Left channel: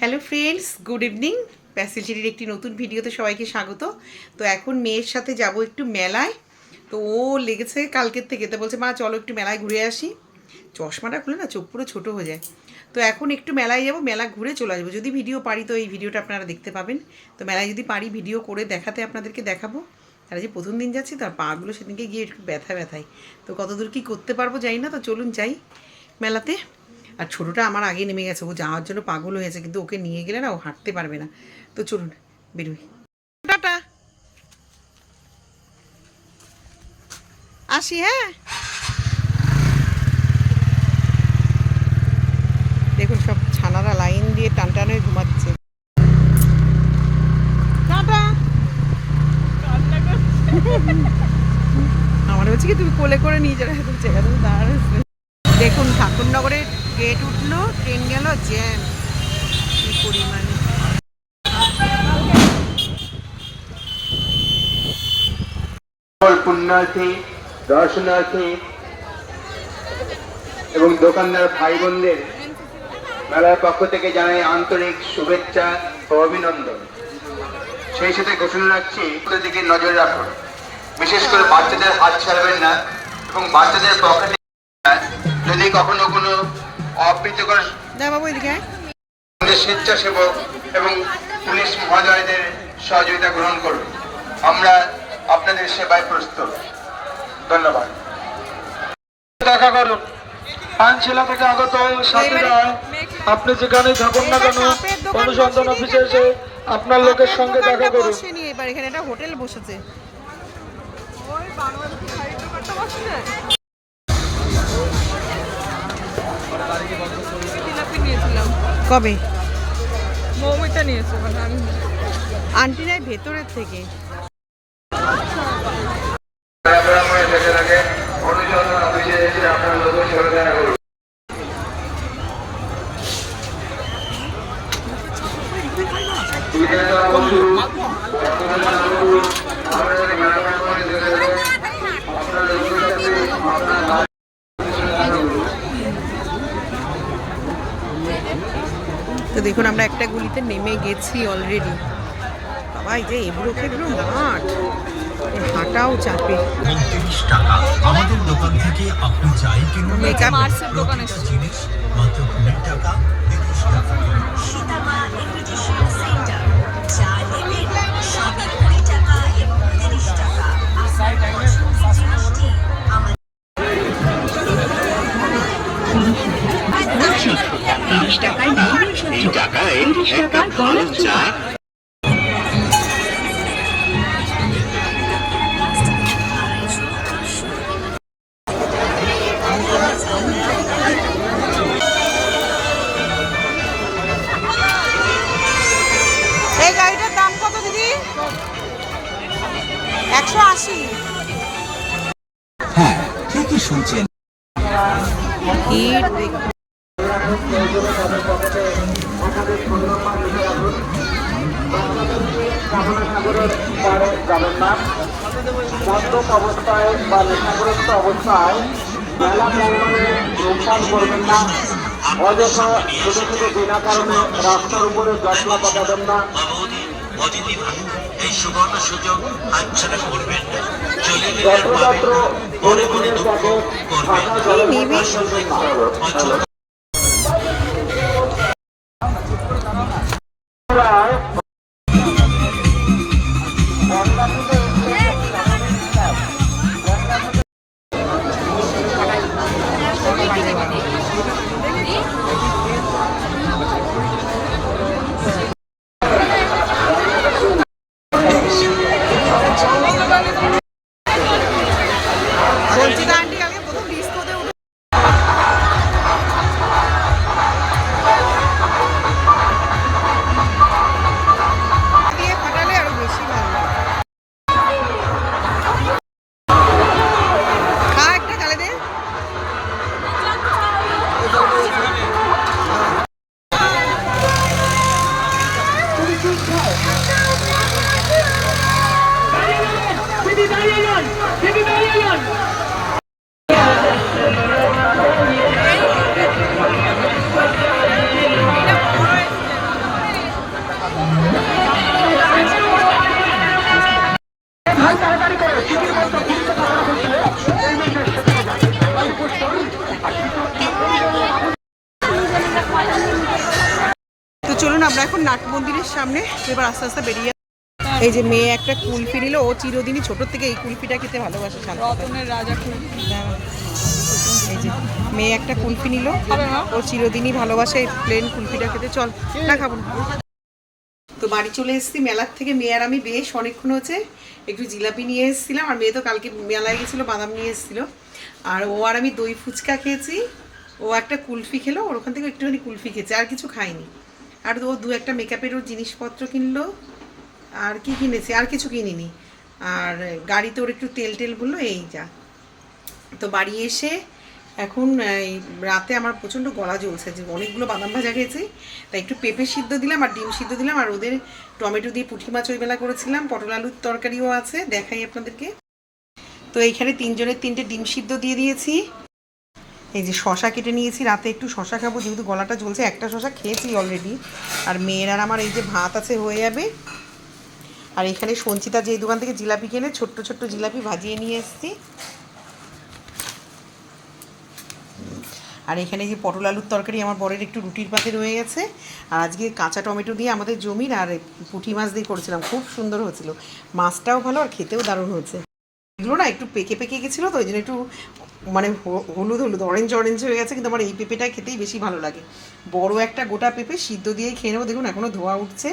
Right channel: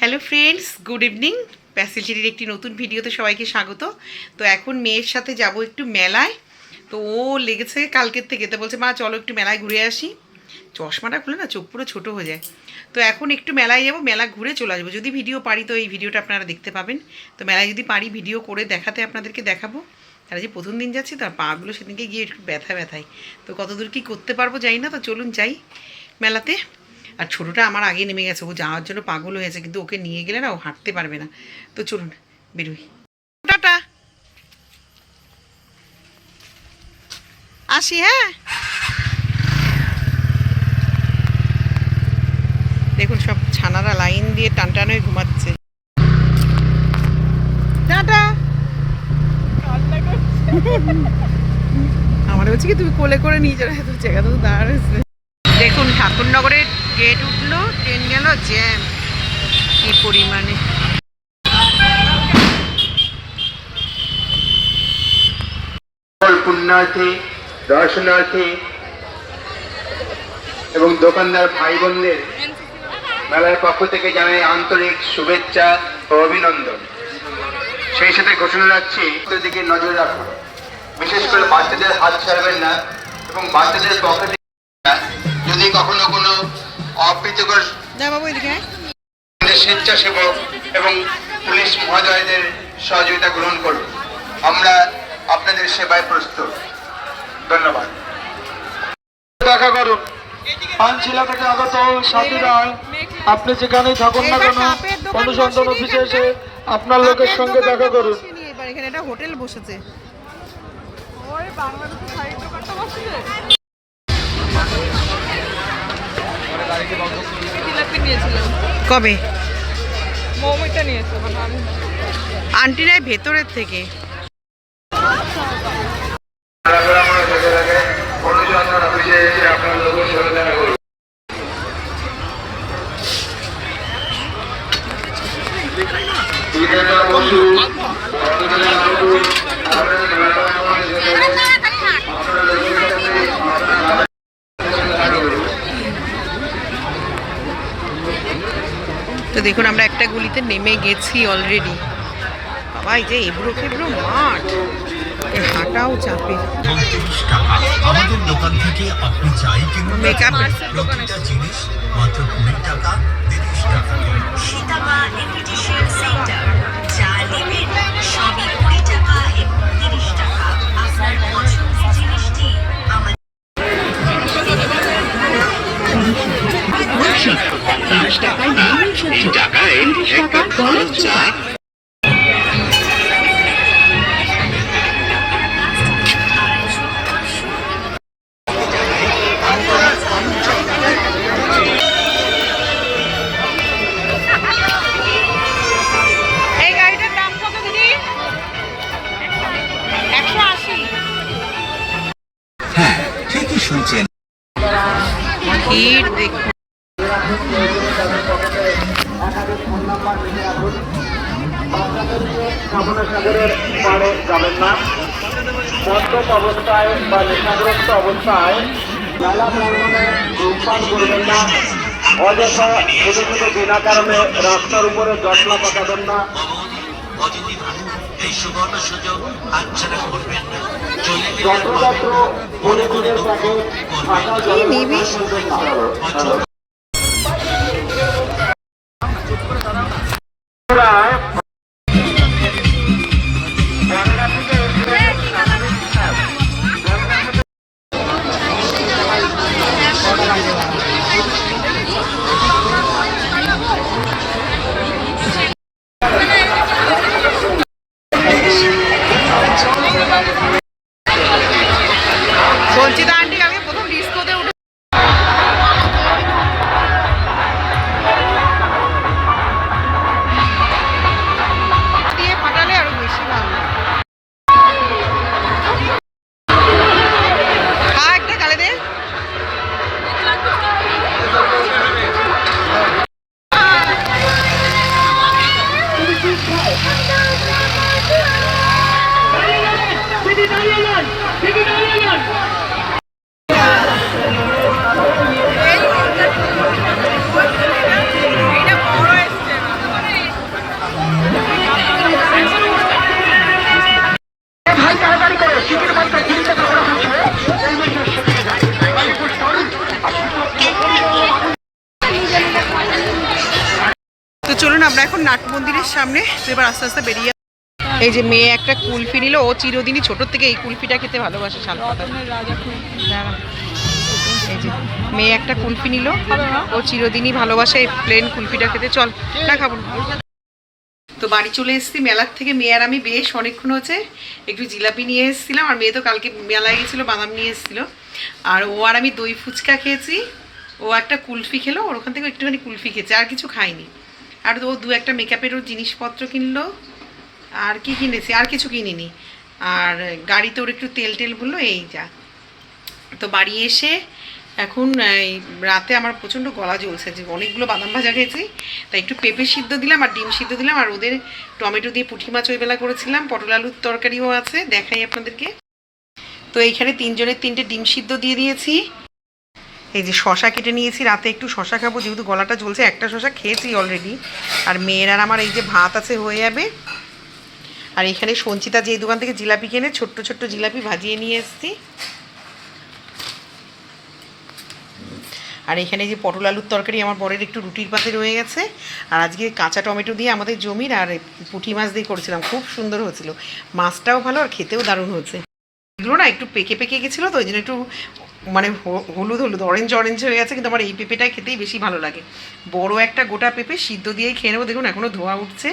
Hello friends, good evening. প্যাসেলটির একটি নতুন ভিডিওতে সবাইকে স্বাগত। তো এখন মেয়ের সাথে যাব একটু মেলায়। তো ও লেগেছে কালকের থেকে, তো বলছে মা চলো একটু মেলায় ঘুরে আসি। চশমাটা খুলে না চোখ পুরো ছোটো হয়ে যায়। তো এখন একটু মেলায় যাব, মেলা ঘুরে চলে আসবো। যদি ভিডিও পারি তো এই ভিডিওটা আপনারা দেখতে পাবেন। তো মেলায় যদি পারি ভিডিও করে দেখাতে আপনাদেরকে দেখাবো। তারা যে প্রথম দিন যাচ্ছি, তার পাগুলো সেদিনকে গিয়ে একটু ব্যথায়। তো কতদূর কী করতে পারবো জানি না। তো চলুন যাই মেলাতে। আর ছোটোটা আমার আগে নেমে গেছে, ও যাওয়ার জন্য পাগল হয়েছে, কিন্তু ওকে নিয়ে গেলে না ও হাঁটতে পারবে না। তো চলুন বেরোই। টাটা, আসি। হ্যাঁ, দেখুন সব ছানারা লাইন দিয়ে টান হয়ে ঘুমাচ্ছে। টাটা। আমার বলছি কি তুমি কোলে করে নিয়ে যাবে, তুমি জায়গা তো দাঁড়াচ্ছে। দেখুন ঠাকুরনগরের গেট উঠলো, ট্রেন গেল, জ্যাম কি পরিমাণে। পুণ্যার্থী, দর্শনার্থী এবং দোকানদার ভাই বোনদের মেলার পক্ষ থেকে জানাই আন্তরিক শুভেচ্ছা ও অভিনন্দন। সেই সাথে ঘোষণা রাখছি দিকে নজর রাখুন, বিশেষ করে বাচ্চাদের হাত ছাড়বেন না এবং বাচ্চাদের পক্ষ থেকে যদি কখনো কোনো অপ্রীতিকর স্বেচ্ছাসেবক এবং পুলিশ মহোদয়দের সহযোগিতা গ্রহণ করুন। আমরা আপনাদের সেবায় প্রস্তুত। ধন্যবাদ। দেখা করুন পানশিলা থেকে আগত সাথীরা, আপনি যেখানে থাকুন না কেন অনুসন্ধান অফিসে এসে আপনার লোকের সঙ্গে দেখা করুন। এবার এখানে একটা হোটেল বসেছে। কবে মৌমিটা নিয়েছে আন্টিরাই ভেতরের থেকে। তো দেখুন আমরা একটা গুলিতে নেমে গেছি অলরেডি। বাবা, এই যে এবড়ো খেবড়ো মাঠ, হাঁটাও চাপে। আমাদের দোকান থেকে আপনি চাই কিনুন মেকআপ প্রতিটা জিনিস মাত্র 20 টাকা, 30 টাকা। সীতামা ইমিটেশন সেন্টার, যা নেবেন সবই 20 টাকা এবং 30 টাকা। আপনার পছন্দের জিনিসটি আমাদের 30 টাকায় ভ্রমণ সহ্য, 30 টাকা গরম চা। এই গাড়িটার দাম কত দিদি? 180। হ্যাঁ, ঠিকই শুনছেন। ভিড় দেখুন। অবস্থায় মেলা প্রাঙ্গণে ধূমপান করবেন না, অযথা ছোট ছোট বিনা কারণে রাস্তার উপরে জটলা পাঠাবেন না। এই সুবর্ণ সুযোগ হাতছাড়া করবেন না। যত্রতত্র পরিবেশের কাছে ফাঁকা জলের মধ্যে ফেলবেন না। সঞ্চিতা আন্টি আমি প্রথম ডিস্কোতে উঠে দিয়ে ফাটালে আরো বেশি ভালো লাগে। খা একটা গালে দে। চলুন আমরা এখন নাট মন্দিরের সামনে, তো এবার আস্তে আস্তে বেরিয়ে। এই যে মেয়ে একটা কুলফি নিল, ও চিরদিনই ছোটোর থেকে এই কুলফিটা খেতে ভালোবাসে। রতনের রাজা কুলফি। এই যে মেয়ে একটা কুলফি নিল, ও চিরদিনই ভালোবাসে এই প্লেন কুলফিটা খেতে। চল না খাবো না। তো বাড়ি চলে এসেছি মেলার থেকে। মেয়ে আর আমি বেশ অনেকক্ষণ হচ্ছে একটু জিলাপি নিয়ে এসেছিলাম, আর মেয়ে তো কালকে মেলায় গেছিলো, বাদাম নিয়ে এসেছিলো। আর ও আর আমি দই ফুচকা খেয়েছি, ও একটা কুলফি খেলো, ওর ওখান থেকে একটুখানি কুলফি খেয়েছে, আর কিছু খাইনি। আর ও দু একটা মেকআপেরও জিনিসপত্র কিনলো। আর কি কিনেছি, আর কিছু কিনিনি। আর গাড়িতে ওর একটু তেল টেল বললো, এই যা। তো বাড়ি এসে এখন এই রাতে আমার প্রচণ্ড গলা জ্বলছে, যে অনেকগুলো বাদাম ভাজা খেয়েছি, তাই একটু পেঁপে সিদ্ধ দিলাম আর ডিম সিদ্ধ দিলাম। আর ওদের টমেটো দিয়ে পুঁটি মাছ ওই বেলা করেছিলাম, পটল আলুর তরকারিও আছে, দেখাই আপনাদেরকে। তো এইখানে তিনজনের 3টে ডিম সিদ্ধ দিয়ে দিয়েছি। এই যে শশা কেটে নিয়েছি, রাতে একটু শশা খাবো, যেহেতু গলাটা জ্বলছে। একটা শশা খেয়েছি অলরেডি। আর মেয়ের আর আমার এই যে ভাত আছে, হয়ে যাবে। আর এখানে সঞ্চিতা যে দোকান থেকে জিলাপি কিনে ছোট্ট ছোট্ট জিলাপি ভাজিয়ে নিয়ে এসেছি। আর এখানে যে পটল আলুর তরকারি আমার বরের একটু রুটির পাতে রয়ে গেছে। আর আজকে কাঁচা টমেটো দিয়ে আমাদের জমির আর পুঁটি মাছ দিয়ে করেছিলাম, খুব সুন্দর হয়েছিল। মাছটাও ভালো আর খেতেও দারুণ হয়েছে। এগুলো না একটু পেকে পেকে গেছিলো, তো ওই জন্য একটু মানে হলুদ হলুদ অরেঞ্জ অরেঞ্জ হয়ে গেছে। কিন্তু আমার এই পেঁপেটাই খেতেই বেশি ভালো লাগে। বড় একটা গোটা পেঁপে সিদ্ধ দিয়েই খেয়ে নেবো। দেখুন এখনও ধোয়া উঠছে,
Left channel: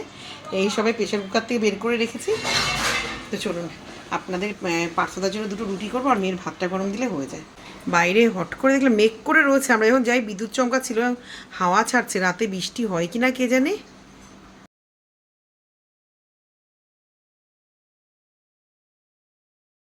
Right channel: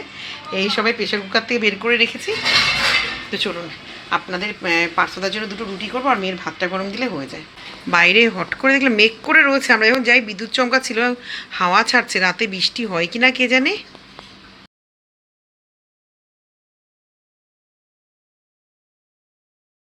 এই সবাই প্রেশার কুকার থেকে বের করে রেখেছি। তো চলুন আপনাদের পার্থদার জন্য 2টো রুটি করবো, আর মেয়ের ভাতটা গরম দিলে হয়ে যায়। বাইরে হট করে দেখলাম মেঘ করে রয়েছে। আমরা যখন যাই বিদ্যুৎ চমকা ছিল, হাওয়া ছাড়ছে। রাতে বৃষ্টি হয় কি না কে জানে।